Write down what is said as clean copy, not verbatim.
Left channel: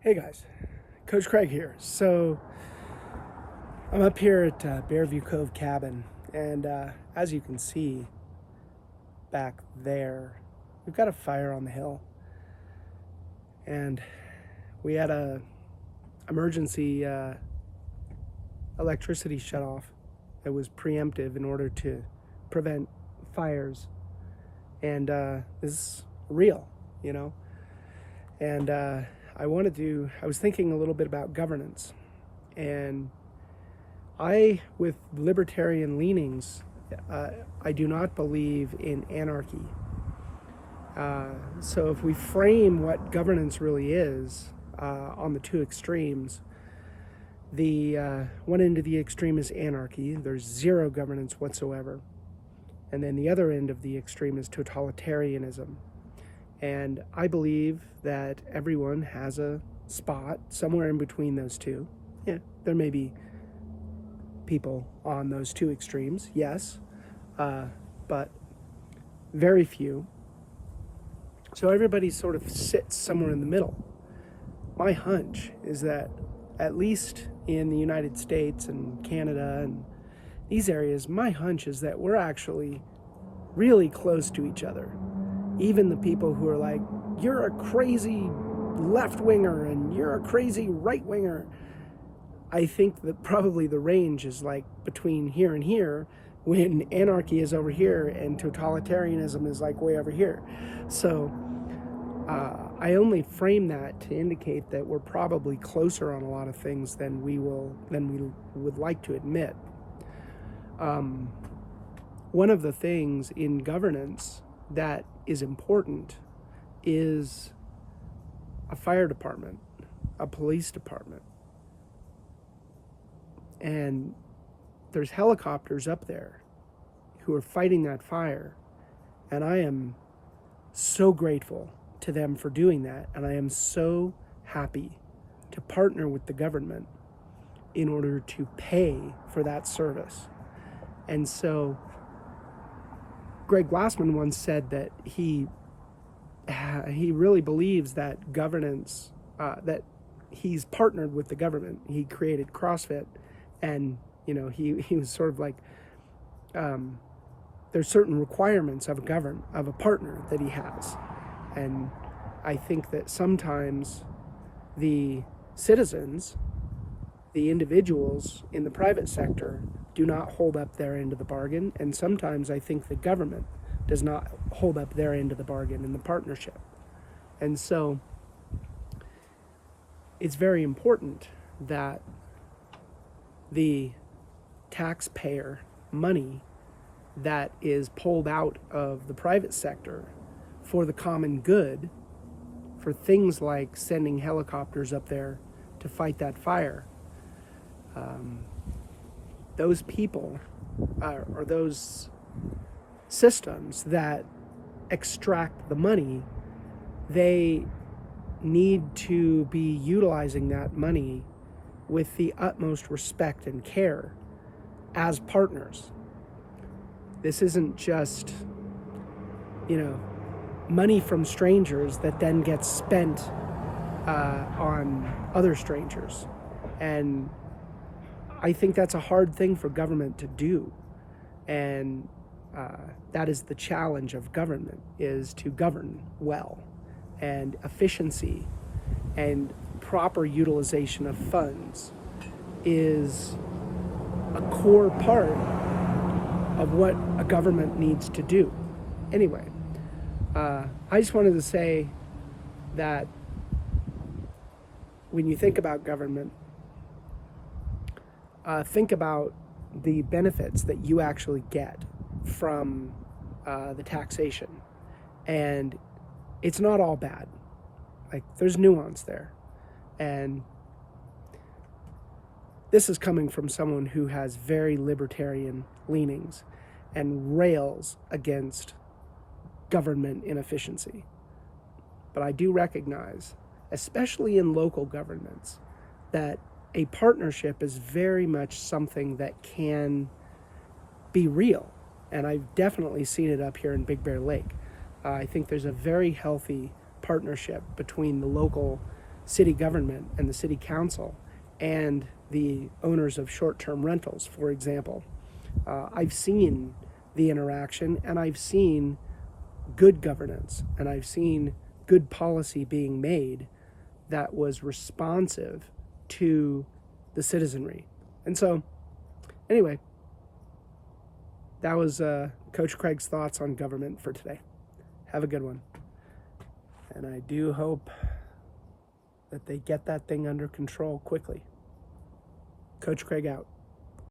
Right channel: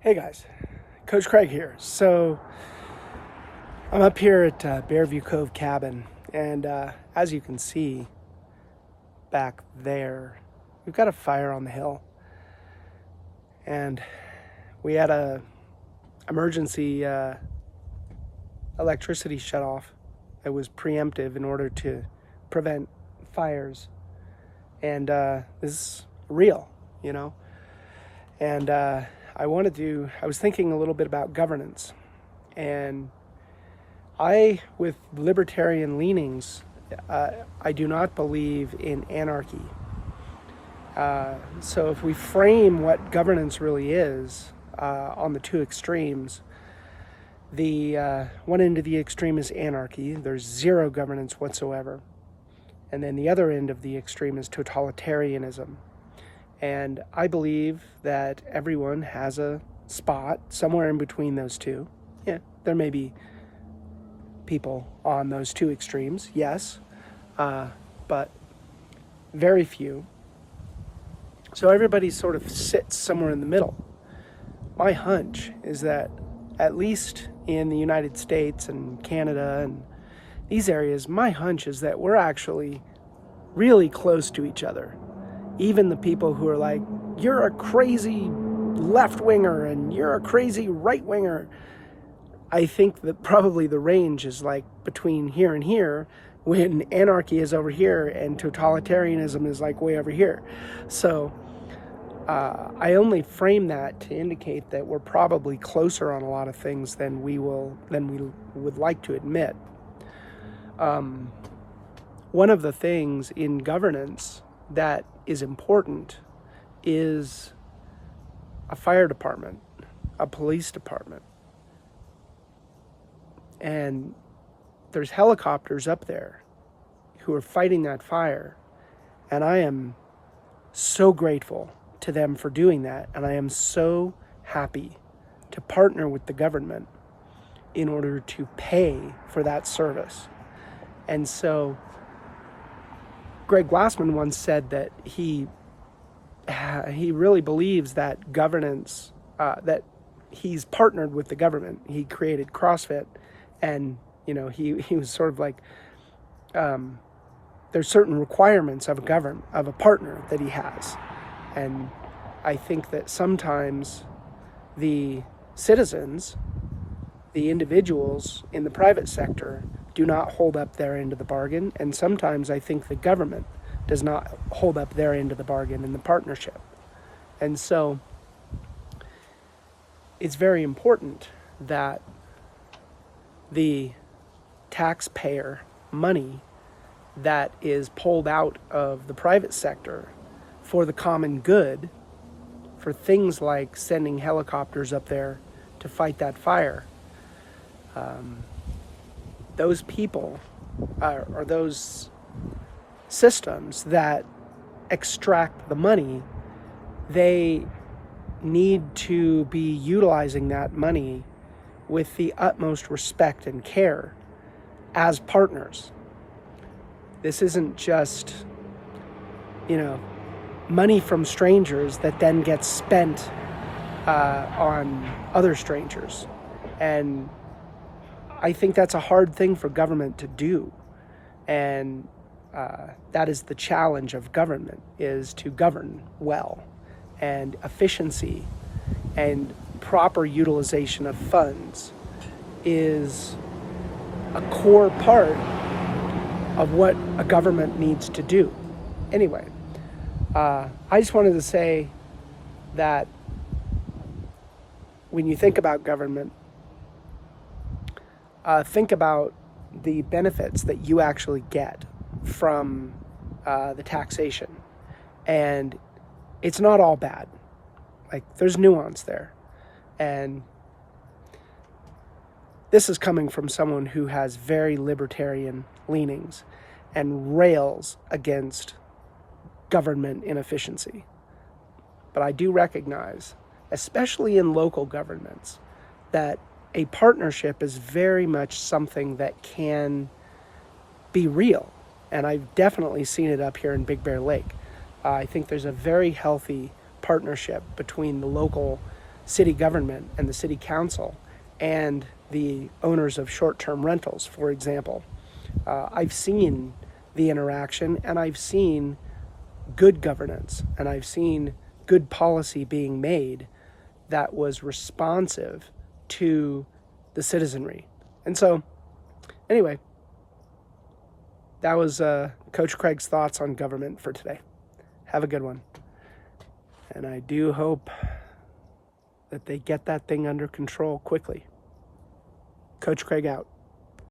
Hey guys, Coach Craig here. So I'm up here at Bearview Cove Cabin, and as you can see back there, we've got a fire on the hill, and we had a emergency electricity shut off. It was preemptive in order to prevent fires, and this is real, you know. And I was thinking a little bit about governance, and with libertarian leanings, I do not believe in anarchy. So if we frame what governance really is on the two extremes, the one end of the extreme is anarchy. There's zero governance whatsoever. And then the other end of the extreme is totalitarianism. And I believe that everyone has a spot somewhere in between those two. Yeah, there may be people on those two extremes, yes, but very few. So everybody sort of sits somewhere in the middle. My hunch is that, at least in the United States and Canada and these areas, my hunch is that we're actually really close to each other. Even the people who are like, you're a crazy left-winger and you're a crazy right-winger, I think that probably the range is like between here and here, when anarchy is over here and totalitarianism is like way over here. So I only frame that to indicate that we're probably closer on a lot of things than we would like to admit. One of the things in governance that is important is a fire department, a police department. And there's helicopters up there who are fighting that fire. And I am so grateful to them for doing that. And I am so happy to partner with the government in order to pay for that service. And so Greg Glassman once said that he really believes that governance, that he's partnered with the government. He created CrossFit, and he was sort of like, there's certain requirements of a partner that he has, and I think that sometimes the citizens, the individuals in the private sector, do not hold up their end of the bargain, and sometimes I think the government does not hold up their end of the bargain in the partnership. And so it's very important that the taxpayer money that is pulled out of the private sector for the common good, for things like sending helicopters up there to fight that fire, those people or those systems that extract the money, they need to be utilizing that money with the utmost respect and care as partners. This isn't just, money from strangers that then gets spent on other strangers. And I think that's a hard thing for government to do. And that is the challenge of government, is to govern well, and efficiency and proper utilization of funds is a core part of what a government needs to do. Anyway, I just wanted to say that when you think about government, think about the benefits that you actually get from the taxation. And it's not all bad. Like, there's nuance there. And this is coming from someone who has very libertarian leanings and rails against government inefficiency. But I do recognize, especially in local governments, that a partnership is very much something that can be real. And I've definitely seen it up here in Big Bear Lake. I think there's a very healthy partnership between the local city government and the city council and the owners of short-term rentals, for example. I've seen the interaction, and I've seen good governance, and I've seen good policy being made that was responsive to the citizenry. And so, anyway, that was Coach Craig's thoughts on government for today. Have a good one. And I do hope that they get that thing under control quickly. Coach Craig out.